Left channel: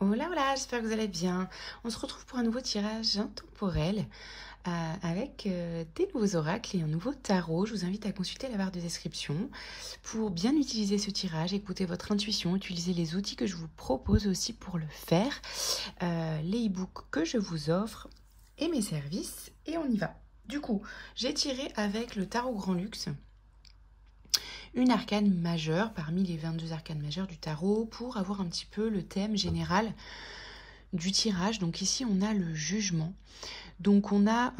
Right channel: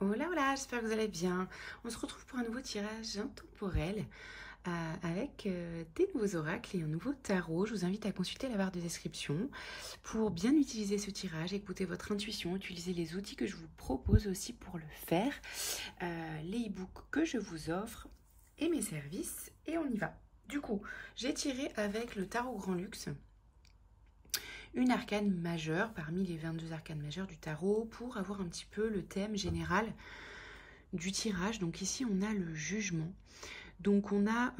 Hola, hola, j'espère que vous allez bien. On se retrouve pour un nouveau tirage intemporel avec des nouveaux oracles et un nouveau tarot. Je vous invite à consulter la barre de description pour bien utiliser ce tirage, écouter votre intuition, utiliser les outils que je vous propose aussi pour le faire, les e-books que je vous offre et mes services. Et on y va. Du coup, j'ai tiré avec le tarot Grand Luxe une arcane majeure parmi les 22 arcanes majeures du tarot pour avoir un petit peu le thème général du tirage. Donc ici on a le jugement, donc on a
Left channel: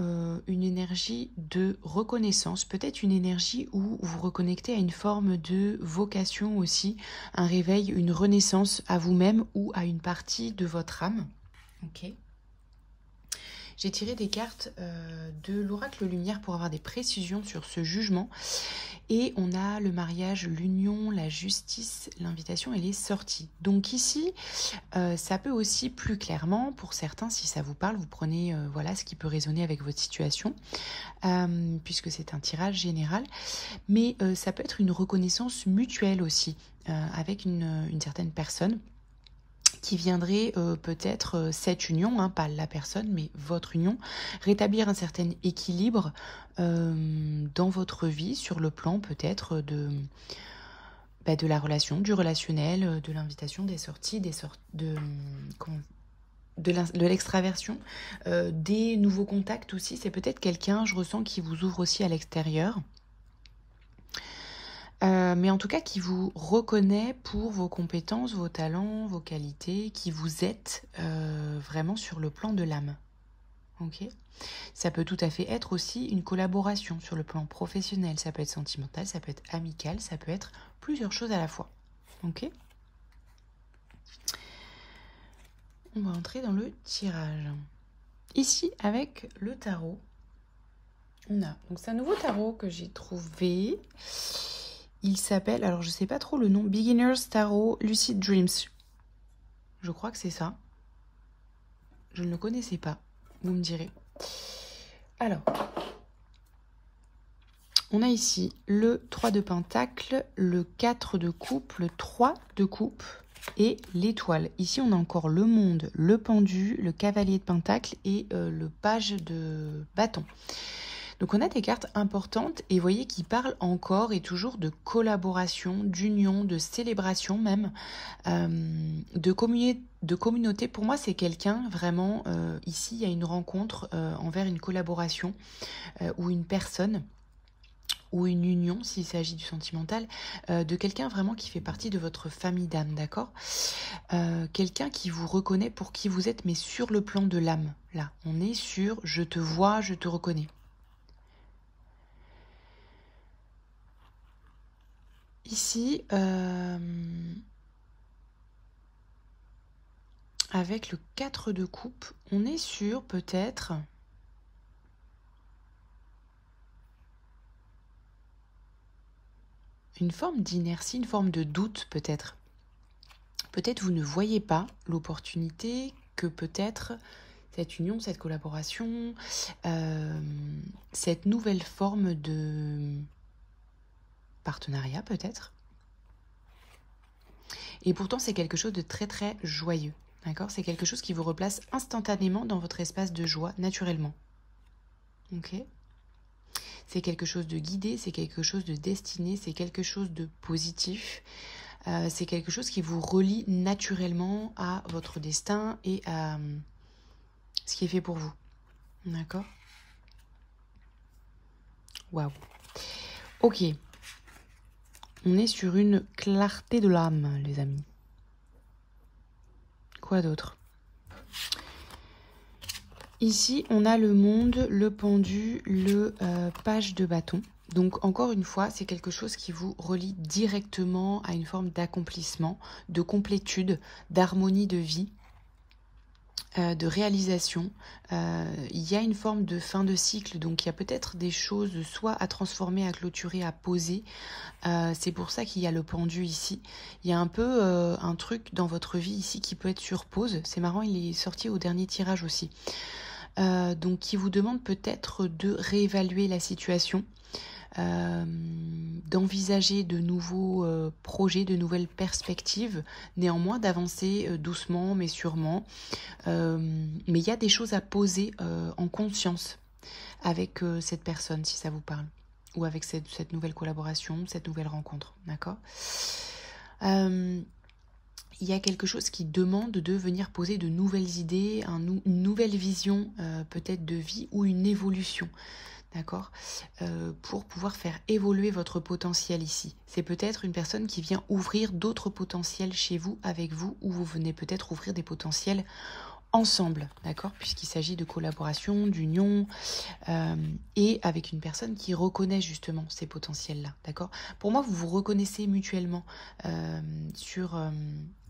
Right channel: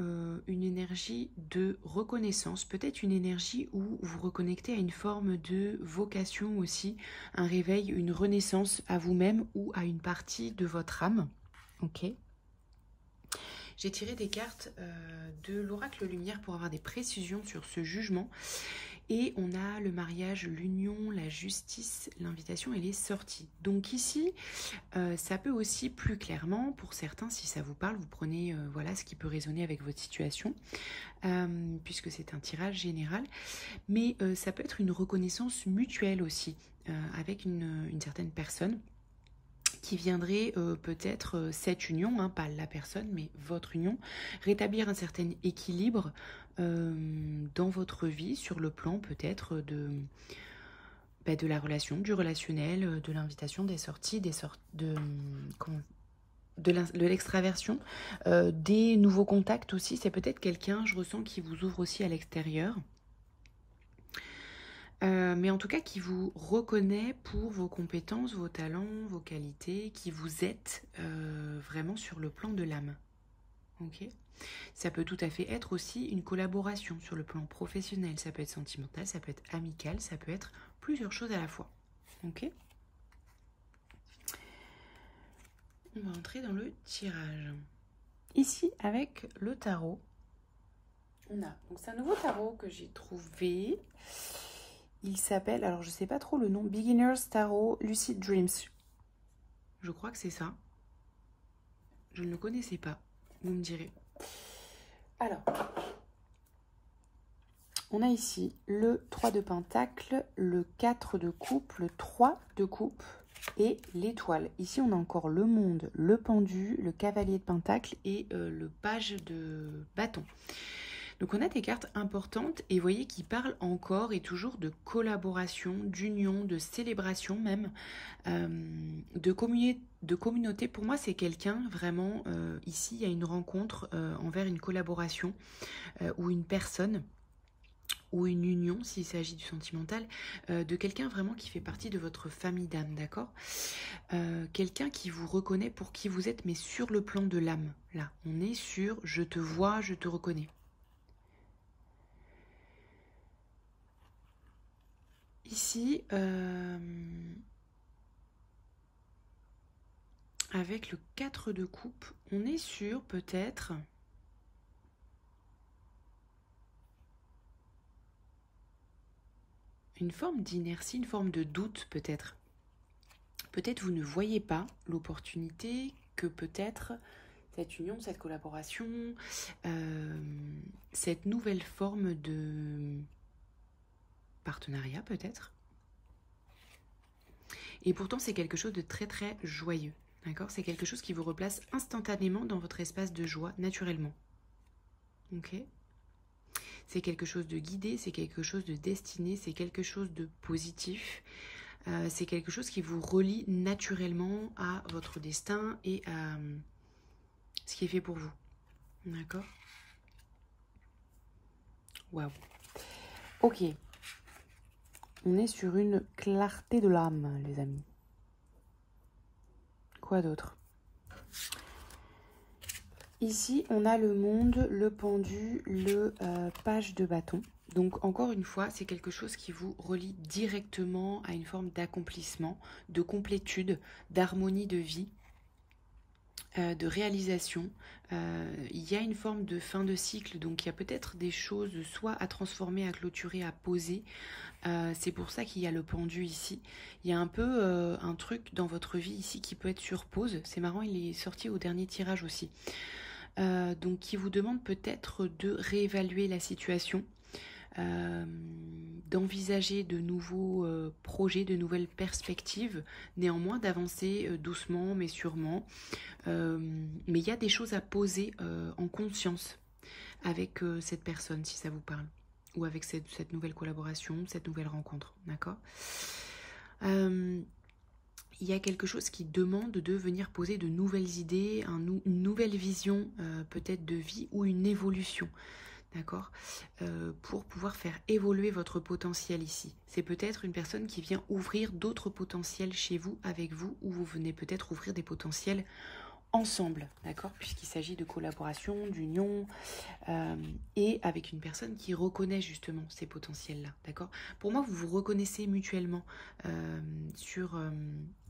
une énergie de reconnaissance, peut-être une énergie où vous reconnectez à une forme de vocation aussi, un réveil, une renaissance à vous-même ou à une partie de votre âme. Ok. J'ai tiré des cartes de l'oracle lumière pour avoir des précisions sur ce jugement. Et on a le mariage, l'union, la justice, l'invitation et les sorties. Donc ici, ça peut aussi plus clairement, pour certains, si ça vous parle, vous prenez voilà ce qui peut résonner avec votre situation, puisque c'est un tirage général. Mais ça peut être une reconnaissance mutuelle aussi, avec une certaine personne qui viendrait peut-être cette union, hein, pas la personne, mais votre union, rétablir un certain équilibre dans votre vie, sur le plan peut-être de la relation, du relationnel, de l'invitation, des sorties, de l'extraversion, des nouveaux contacts aussi. C'est peut-être quelqu'un, je ressens, qui vous ouvre aussi à l'extérieur. Mais en tout cas, qui vous reconnaît pour vos compétences, vos talents, vos qualités, qui vous êtes vraiment sur le plan de l'âme. Ok ? Ça peut tout à fait être aussi une collaboration sur le plan professionnel, ça peut être sentimental, ça peut être amical, ça peut être plusieurs choses à la fois. Ok ? On va entrer dans le tirage. Ici, avec le tarot, on a, donc c'est un nouveau tarot que j'ai trouvé. Il s'appelle, alors je sais pas trop le nom, Beginner's Tarot Lucid Dreams. Je crois que c'est ça. Je ne le connaissais pas, vous me direz. Alors, on a ici le 3 de Pentacle, le 4 de coupe, le 3 de coupe et l'étoile. Ici, on a encore le monde, le pendu, le cavalier de Pentacle et le page de bâton. Donc on a des cartes importantes et vous voyez qui parlent encore et toujours de collaboration, d'union, de célébration même, de communauté. Pour moi, c'est quelqu'un vraiment, ici, il y a une rencontre envers une collaboration ou une personne ou une union, s'il s'agit du sentimental, de quelqu'un vraiment qui fait partie de votre famille d'âme, d'accord ? Quelqu'un qui vous reconnaît pour qui vous êtes, mais sur le plan de l'âme. Là, on est sur « je te vois, je te reconnais ». Ici, avec le 4 de coupe, on est sur peut-être une forme d'inertie, une forme de doute peut-être. Peut-être vous ne voyez pas l'opportunité que peut-être cette union, cette collaboration, cette nouvelle forme de partenariat peut-être. Et pourtant, c'est quelque chose de très très joyeux. D'accord ? C'est quelque chose qui vous replace instantanément dans votre espace de joie, naturellement. Ok ? C'est quelque chose de guidé, c'est quelque chose de destiné, c'est quelque chose de positif. C'est quelque chose qui vous relie naturellement à votre destin et à ce qui est fait pour vous. D'accord ? Waouh. Ok. On est sur une clarté de l'âme, les amis. Quoi d'autre ? Ici, on a le monde, le pendu, le page de bâton. Donc, encore une fois, c'est quelque chose qui vous relie directement à une forme d'accomplissement, de complétude, d'harmonie de vie, de réalisation. Il y a une forme de fin de cycle, donc il y a peut-être des choses soit à transformer, à clôturer, à poser. C'est pour ça qu'il y a le pendu ici. Il y a un peu un truc dans votre vie ici qui peut être sur pause. C'est marrant, il est sorti au dernier tirage aussi. Donc qui vous demande peut-être de réévaluer la situation, d'envisager de nouveaux projets, de nouvelles perspectives, néanmoins d'avancer doucement mais sûrement. Mais il y a des choses à poser en conscience avec cette personne, si ça vous parle, ou avec cette nouvelle collaboration, cette nouvelle rencontre, d'accord? Il y a quelque chose qui demande de venir poser de nouvelles idées, une nouvelle vision peut-être de vie ou une évolution, d'accord, pour pouvoir faire évoluer votre potentiel ici. C'est peut-être une personne qui vient ouvrir d'autres potentiels chez vous, avec vous, ou vous venez peut-être ouvrir des potentiels ensemble, d'accord, puisqu'il s'agit de collaboration, d'union, et avec une personne qui reconnaît justement ces potentiels-là, d'accord. Pour moi, vous vous reconnaissez mutuellement sur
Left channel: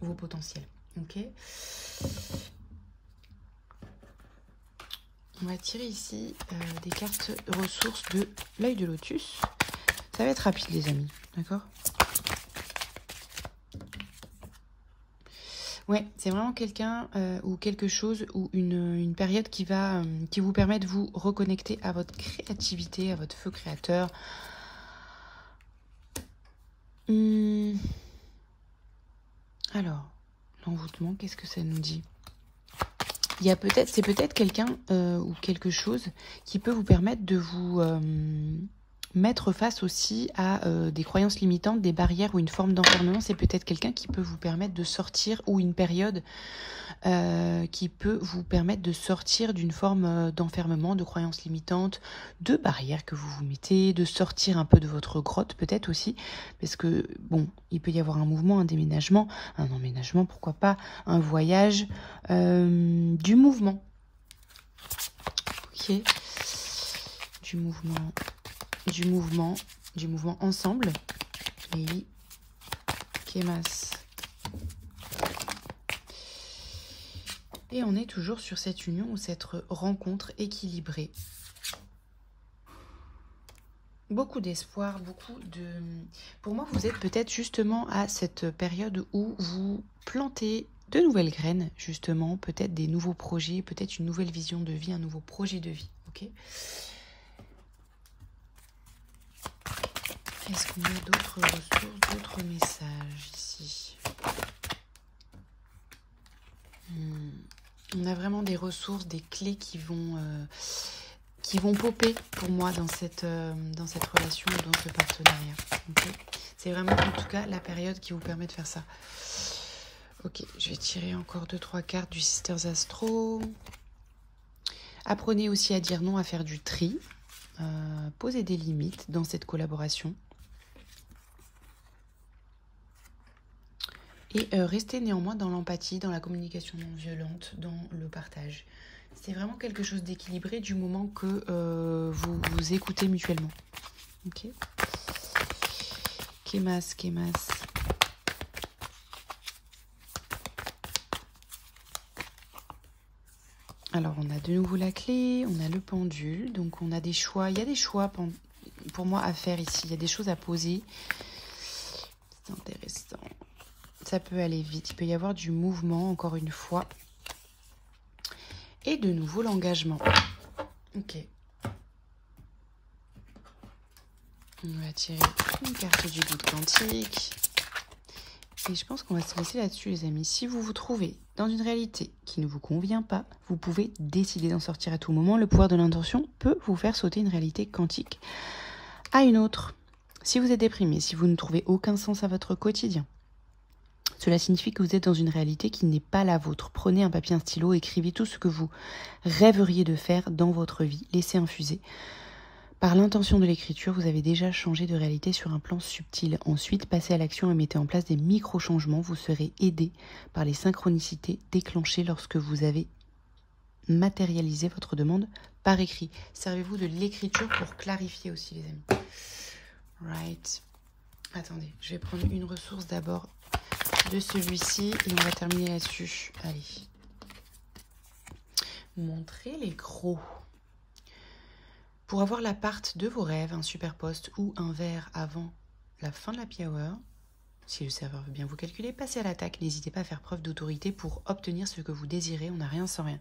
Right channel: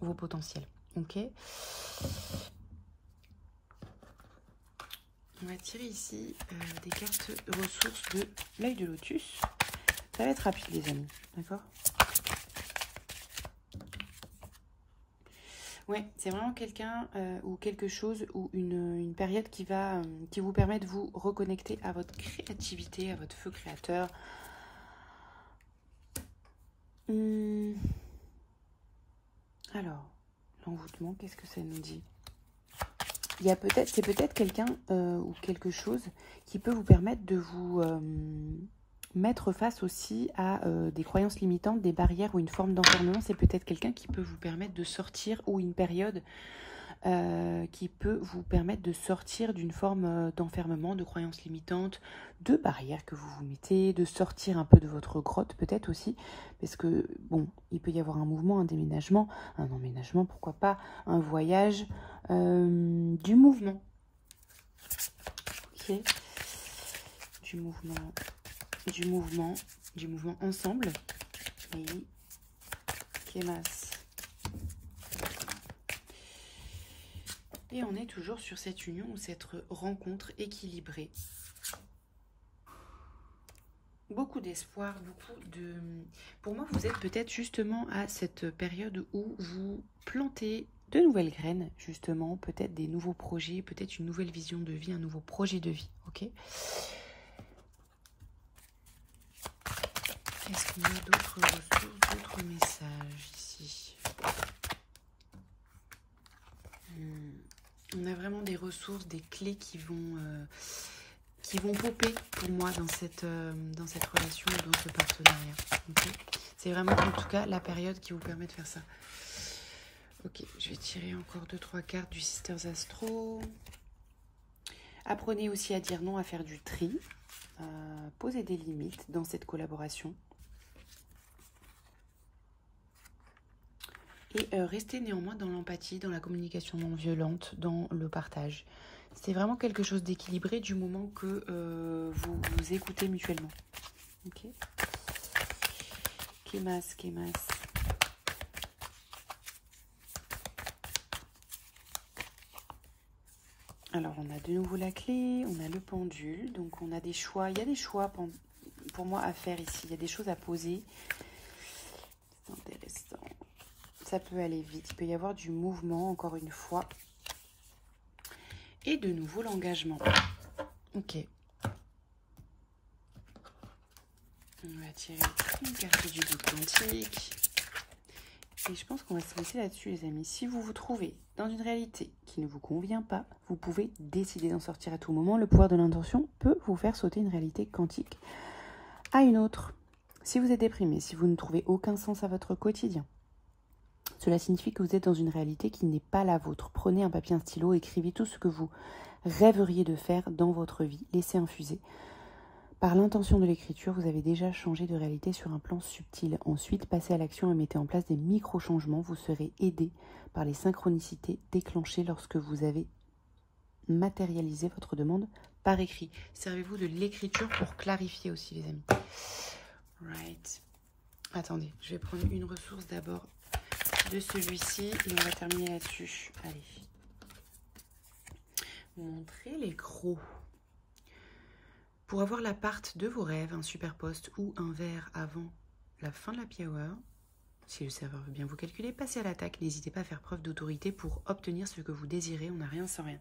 vos potentiels, ok. On va tirer ici des cartes ressources de l'œil de lotus. Ça va être rapide, les amis, d'accord. Ouais, c'est vraiment quelqu'un ou quelque chose ou une période qui vous permet de vous reconnecter à votre créativité, à votre feu créateur. Alors, l'envoûtement, qu'est-ce que ça nous dit? C'est peut-être quelqu'un ou quelque chose qui peut vous permettre de vous mettre face aussi à des croyances limitantes, des barrières ou une forme d'enfermement. C'est peut-être quelqu'un qui peut vous permettre de sortir, ou une période qui peut vous permettre de sortir d'une forme d'enfermement, de croyances limitantes, de barrières que vous vous mettez, de sortir un peu de votre grotte peut-être aussi, parce que bon, il peut y avoir un mouvement, un déménagement, un emménagement, pourquoi pas, un voyage, du mouvement. Ok, du mouvement ensemble. Et Kemas. Et on est toujours sur cette union ou cette rencontre équilibrée. Beaucoup d'espoir, Pour moi, vous êtes peut-être justement à cette période où vous plantez de nouvelles graines, justement, peut-être des nouveaux projets, peut-être une nouvelle vision de vie, un nouveau projet de vie, ok? Est-ce qu'on a d'autres ressources, d'autres messages ici? On a vraiment des ressources, des clés qui vont popper pour moi dans cette relation, dans ce partenariat. Okay, c'est vraiment en tout cas la période qui vous permet de faire ça. Ok, je vais tirer encore 2-3 cartes du Sisters Astro. Apprenez aussi à dire non, à faire du tri. Posez des limites dans cette collaboration. Et restez néanmoins dans l'empathie, dans la communication non violente, dans le partage. C'est vraiment quelque chose d'équilibré du moment que vous vous écoutez mutuellement. Ok. Kemas. Alors, on a de nouveau la clé, on a le pendule, donc on a des choix. Il y a des choix pour moi à faire ici. Il y a des choses à poser. C'est intéressant. Ça peut aller vite. Il peut y avoir du mouvement, encore une fois. Et de nouveau, l'engagement. Ok. On va tirer une carte du doute quantique. Et je pense qu'on va se laisser là-dessus, les amis. Si vous vous trouvez dans une réalité qui ne vous convient pas, vous pouvez décider d'en sortir à tout moment. Le pouvoir de l'intention peut vous faire sauter une réalité quantique à une autre. Si vous êtes déprimé, si vous ne trouvez aucun sens à votre quotidien, cela signifie que vous êtes dans une réalité qui n'est pas la vôtre. Prenez un papier, un stylo, écrivez tout ce que vous rêveriez de faire dans votre vie. Laissez infuser. Par l'intention de l'écriture, vous avez déjà changé de réalité sur un plan subtil. Ensuite, passez à l'action et mettez en place des micro-changements. Vous serez aidé par les synchronicités déclenchées lorsque vous avez matérialisé votre demande par écrit. Servez-vous de l'écriture pour clarifier aussi, les amis. Right. Attendez, je vais prendre une ressource d'abord de celui-ci et on va terminer là-dessus. Allez. Montrez les gros. Pour avoir l'appart de vos rêves, un super poste ou un verre avant la fin de l'happy hour, Si le serveur veut bien vous calculer, passez à l'attaque. N'hésitez pas à faire preuve d'autorité pour obtenir ce que vous désirez. On n'a rien sans rien.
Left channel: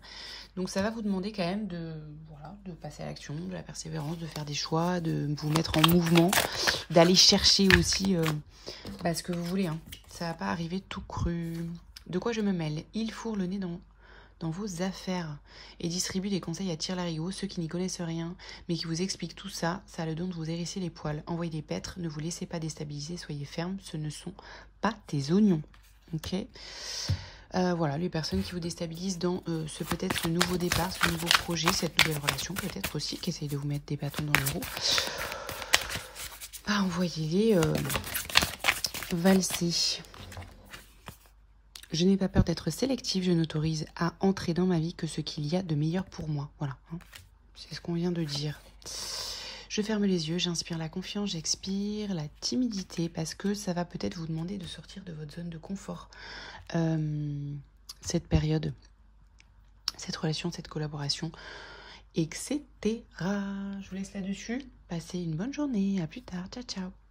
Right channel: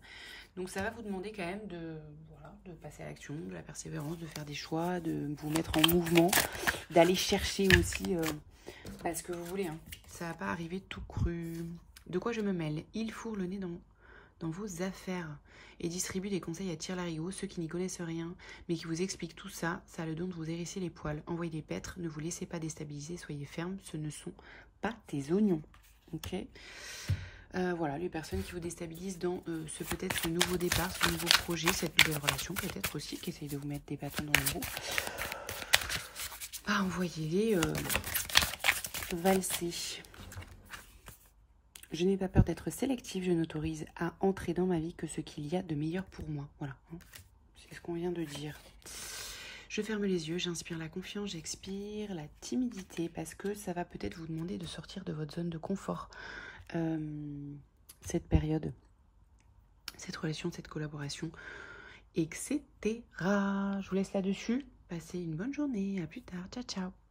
Donc ça va vous demander quand même de passer à l'action, de la persévérance, de faire des choix, de vous mettre en mouvement, d'aller chercher aussi ce que vous voulez. Hein. Ça va pas arriver tout cru. De quoi je me mêle? Il fourre le nez dans vos affaires et distribue des conseils à tire-larigot, ceux qui n'y connaissent rien, mais qui vous expliquent tout ça, ça a le don de vous hérisser les poils. Envoyez des pêtres, ne vous laissez pas déstabiliser, soyez ferme, ce ne sont pas des oignons. Ok. Voilà, les personnes qui vous déstabilisent dans ce nouveau départ, ce nouveau projet, cette nouvelle relation, peut-être aussi, qui essayent de vous mettre des bâtons dans les roues. Envoyez-les valser. Je n'ai pas peur d'être sélective, je n'autorise à entrer dans ma vie que ce qu'il y a de meilleur pour moi. Voilà, hein. C'est ce qu'on vient de dire. Je ferme les yeux, j'inspire la confiance, j'expire la timidité, parce que ça va peut-être vous demander de sortir de votre zone de confort. Cette période, cette relation, cette collaboration, etc. Je vous laisse là-dessus. Passez une bonne journée. À plus tard. Ciao, ciao.